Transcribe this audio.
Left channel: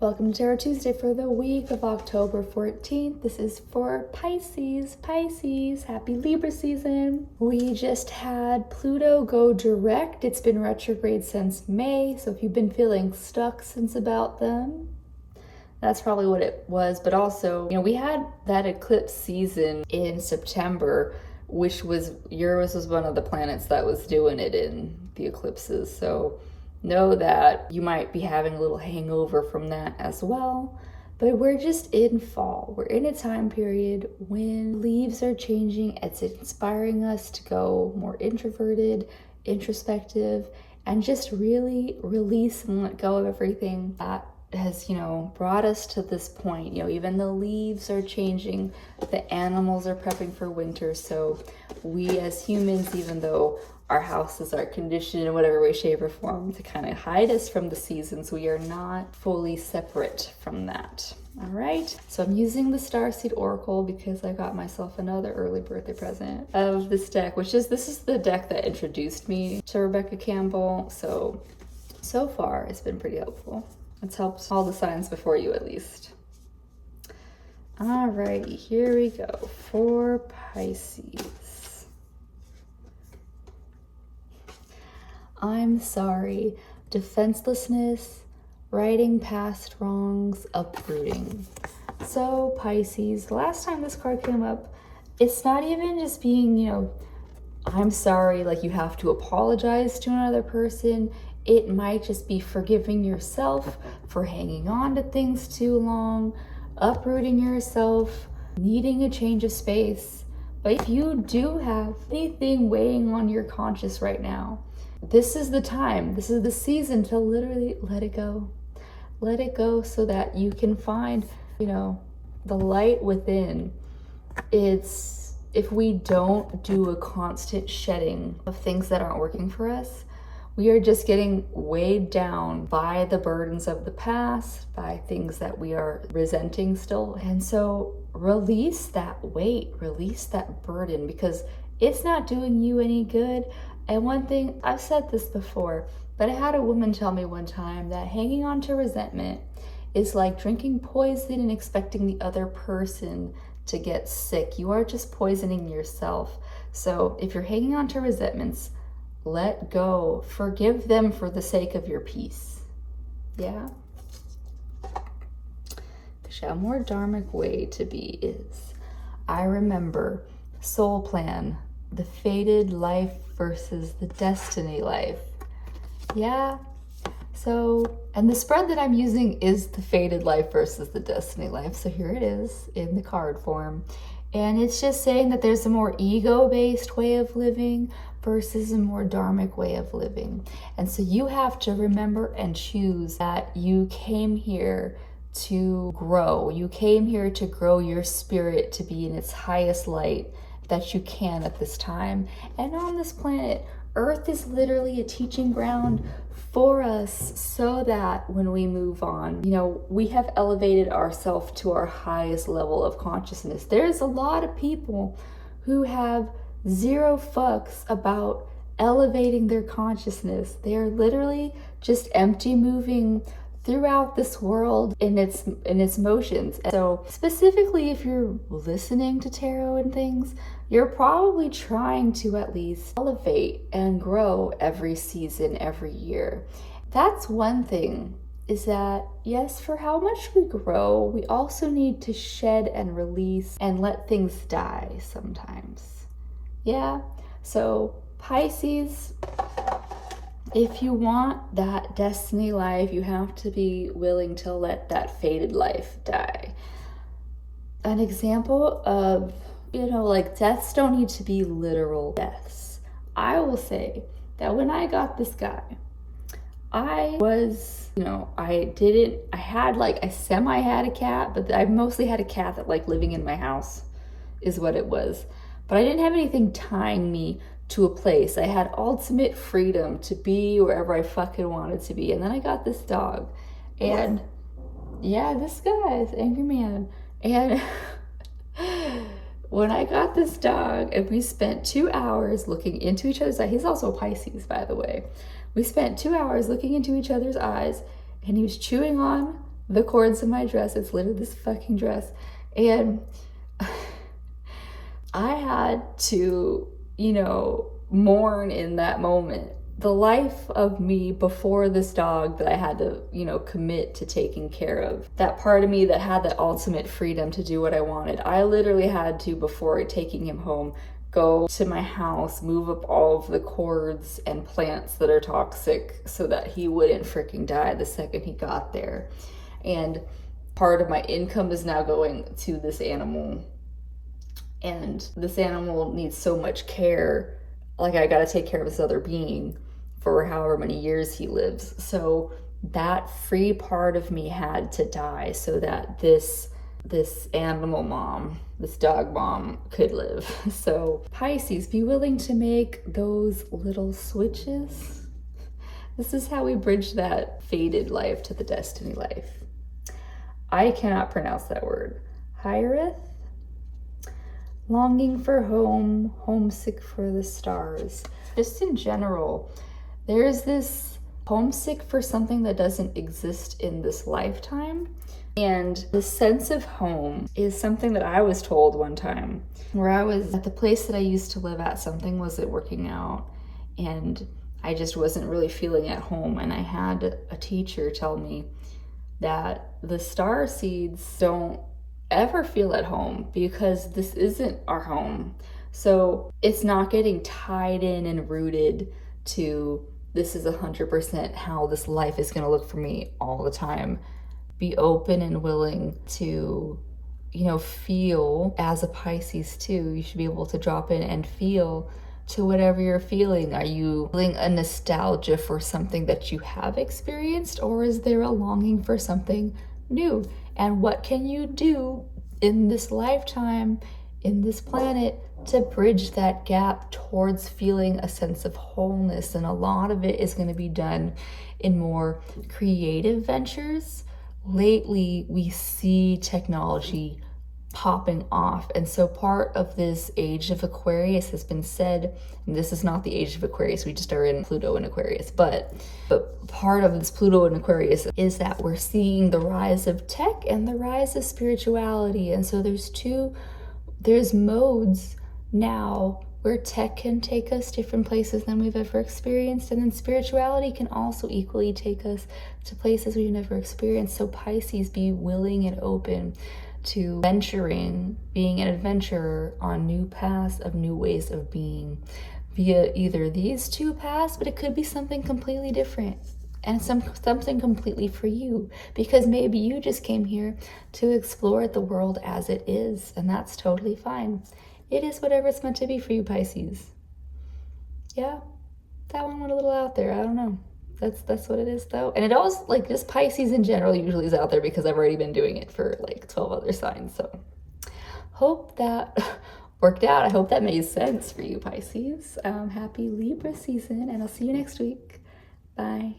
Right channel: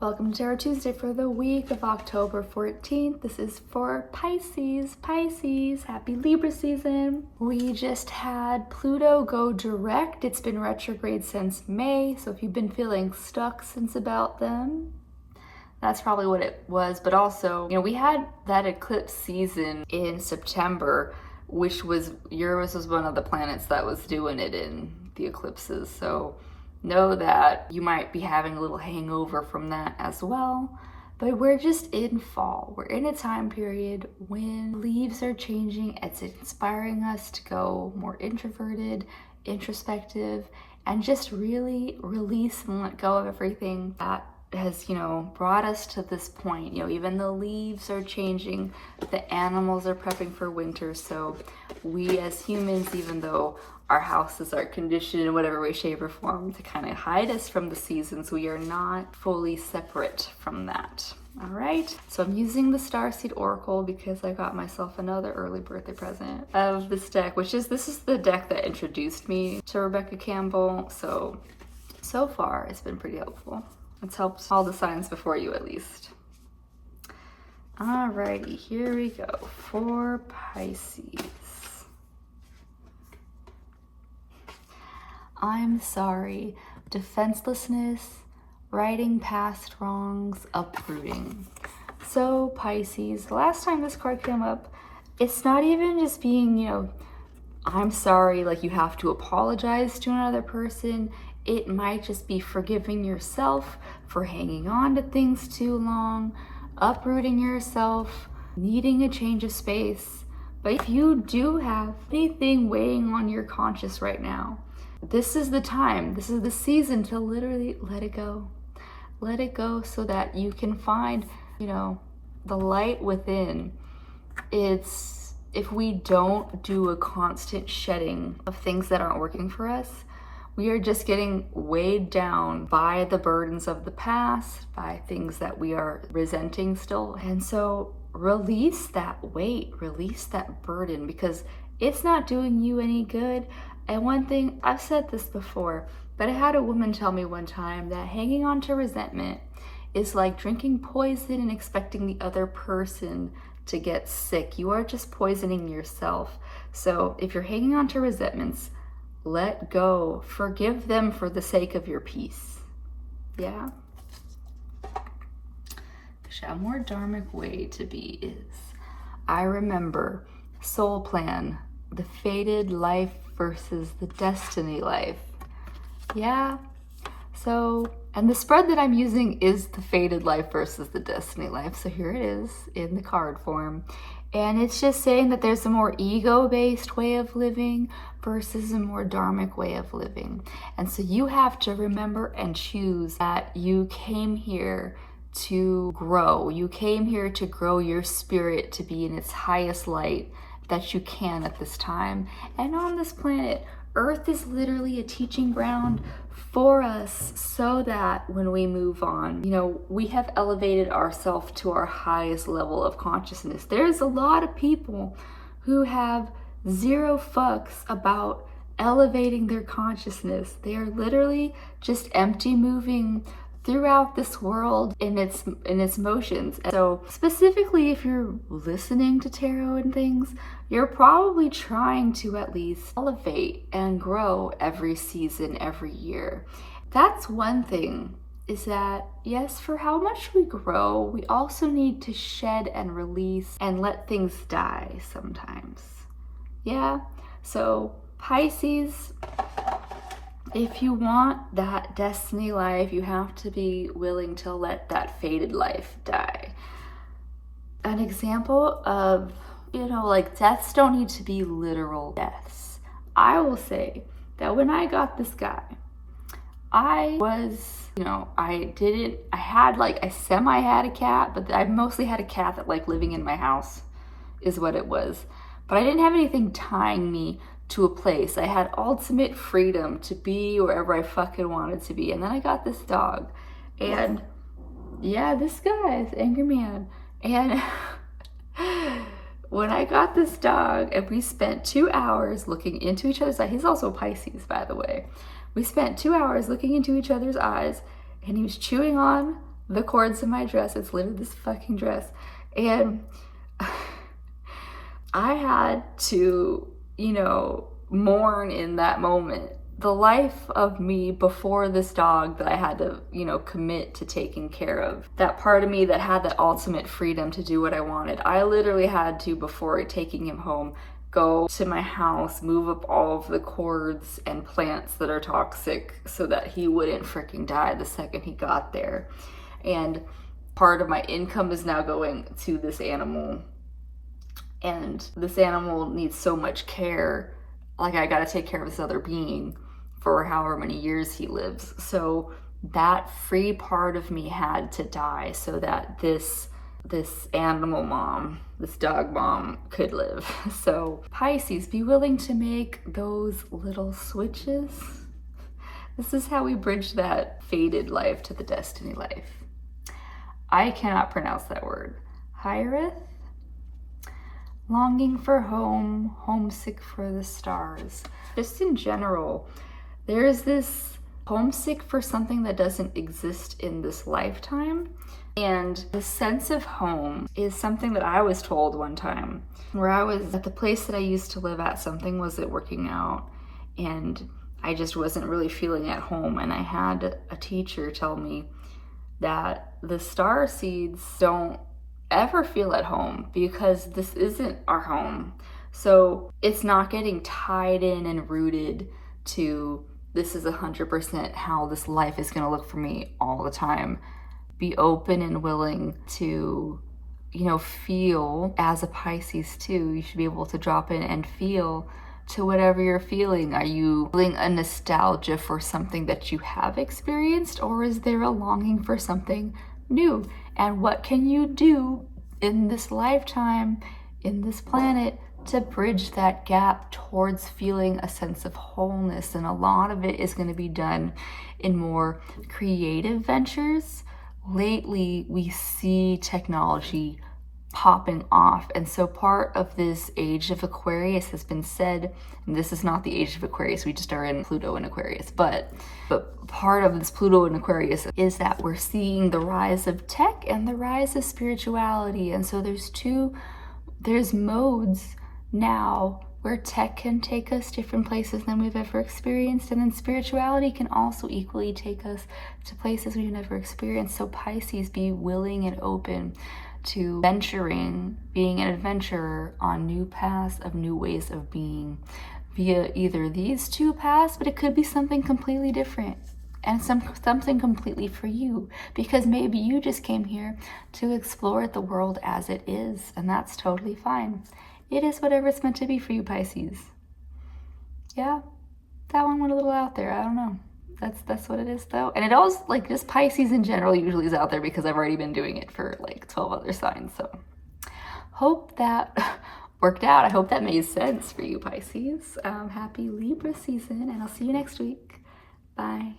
Welcome to Tarot Tuesday for the week of October 14th. This is for Pisces. Pisces, happy Libra season. We just had Pluto go direct. It's been retrograde since May, so if you've been feeling stuck since about then, that's probably what it was. But also, we had that eclipse season in September, which was Uranus was one of the planets that was doing it in the eclipses. So know that you might be having a little hangover from that as well. But we're just in fall. We're in a time period when leaves are changing. It's inspiring us to go more introverted, introspective, and just really release and let go of everything that has, brought us to this point. Even the leaves are changing, the animals are prepping for winter. So we as humans, even though our houses are conditioned in whatever way, shape, or form to kind of hide us from the seasons, we are not fully separate from that. All right, so I'm using the Starseed Oracle because I got myself another early birthday present of this deck, this is the deck that introduced me to Rebecca Campbell. So far, it's been pretty helpful. It's helped all the signs before you, at least. All right, here we go for Pisces. I'm sorry, defenselessness, righting past wrongs, uprooting. So Pisces, the last time this card came up, it's not even just being, I'm sorry, like you have to apologize to another person. It might just be forgiving yourself for hanging on to things too long, uprooting yourself, needing a change of space. But if you do have anything weighing on your conscience right now, this is the time, this is the season to literally let it go. Let it go so that you can find, the light within. If we don't do a constant shedding of things that aren't working for us, we are just getting weighed down by the burdens of the past, by things that we are resenting still. And so release that weight, release that burden, because it's not doing you any good. And one thing, I've said this before, but I had a woman tell me one time that hanging on to resentment is like drinking poison and expecting the other person to get sick. You are just poisoning yourself. So if you're hanging on to resentments, let go. Forgive them for the sake of your peace. Yeah? A more dharmic way to be is, I remember, soul plan, the fated life versus the destiny life. Yeah. So, and the spread that I'm using is the fated life versus the destiny life. So here it is in the card form. And it's just saying that there's a more ego-based way of living versus a more dharmic way of living. And so you have to remember and choose that you came here to grow. You came here to grow your spirit to be in its highest light that you can at this time. And on this planet, Earth is literally a teaching ground for us so that when we move on, we have elevated ourselves to our highest level of consciousness. There's a lot of people who have zero fucks about elevating their consciousness. They are literally just empty moving throughout this world in its motions. And so specifically, if you're listening to tarot and things, you're probably trying to at least elevate and grow every season, every year. That's one thing, is that yes, for how much we grow, we also need to shed and release and let things die sometimes. Yeah, so Pisces, if you want that destiny life, you have to be willing to let that fated life die. An example of, deaths don't need to be literal deaths. I will say that when I got this guy, I was, I semi had a cat, but I mostly had a cat that living in my house is what it was. But I didn't have anything tying me to a place. I had ultimate freedom to be wherever I fucking wanted to be. And then I got this dog. And yeah, this guy is angry man. And when I got this dog and we spent 2 hours looking into each other's eyes, he's also a Pisces, by the way. We spent 2 hours looking into each other's eyes, and he was chewing on the cords in my dress. It's literally this fucking dress. And I had to, you know, mourn in that moment the life of me before this dog that I had to, you know, commit to taking care of. That part of me that had that ultimate freedom to do what I wanted. I literally had to, before taking him home, go to my house, move up all of the cords and plants that are toxic so that he wouldn't freaking die the second he got there. And part of my income is now going to this animal. And this animal needs so much care. Like, I gotta take care of this other being for however many years he lives. So that free part of me had to die so that this animal mom, this dog mom, could live. So Pisces, be willing to make those little switches. This is how we bridge that fated life to the destiny life. I cannot pronounce that word. Hyreth? Longing for home, homesick for the stars. Just in general, there's this homesick for something that doesn't exist in this lifetime. And this sense of home is something that I was told one time, where I was at the place that I used to live at, something wasn't working out, and I just wasn't really feeling at home. And I had a teacher tell me that the star seeds don't ever feel at home because this isn't our home. So it's not getting tied in and rooted to this is 100% how this life is going to look for me all the time. Be open and willing to, you know, feel. As a Pisces too, you should be able to drop in and feel to whatever you're feeling. Are you feeling a nostalgia for something that you have experienced, or is there a longing for something new? And what can you do in this lifetime, in this planet, to bridge that gap towards feeling a sense of wholeness? And a lot of it is going to be done in more creative ventures. Lately, we see technology popping off. And so part of this age of Aquarius has been said, and this is not the age of Aquarius, we just are in Pluto in Aquarius, but part of this Pluto in Aquarius is that we're seeing the rise of tech and the rise of spirituality. And so there's modes now where tech can take us different places than we've ever experienced, and then spirituality can also equally take us to places we've never experienced. So Pisces, be willing and open to venturing, being an adventurer on new paths of new ways of being via either these two paths, but it could be something completely different and something completely for you, because maybe you just came here to explore the world as it is, and that's totally fine. It is whatever it's meant to be for you, Pisces. Yeah, that one went a little out there. I don't know. That's what it is though. And it always, like, this Pisces in general usually is out there because I've already been doing it for like 12 other signs. So hope that worked out. I hope that made sense for you, Pisces. Happy Libra season, and I'll see you next week. Bye.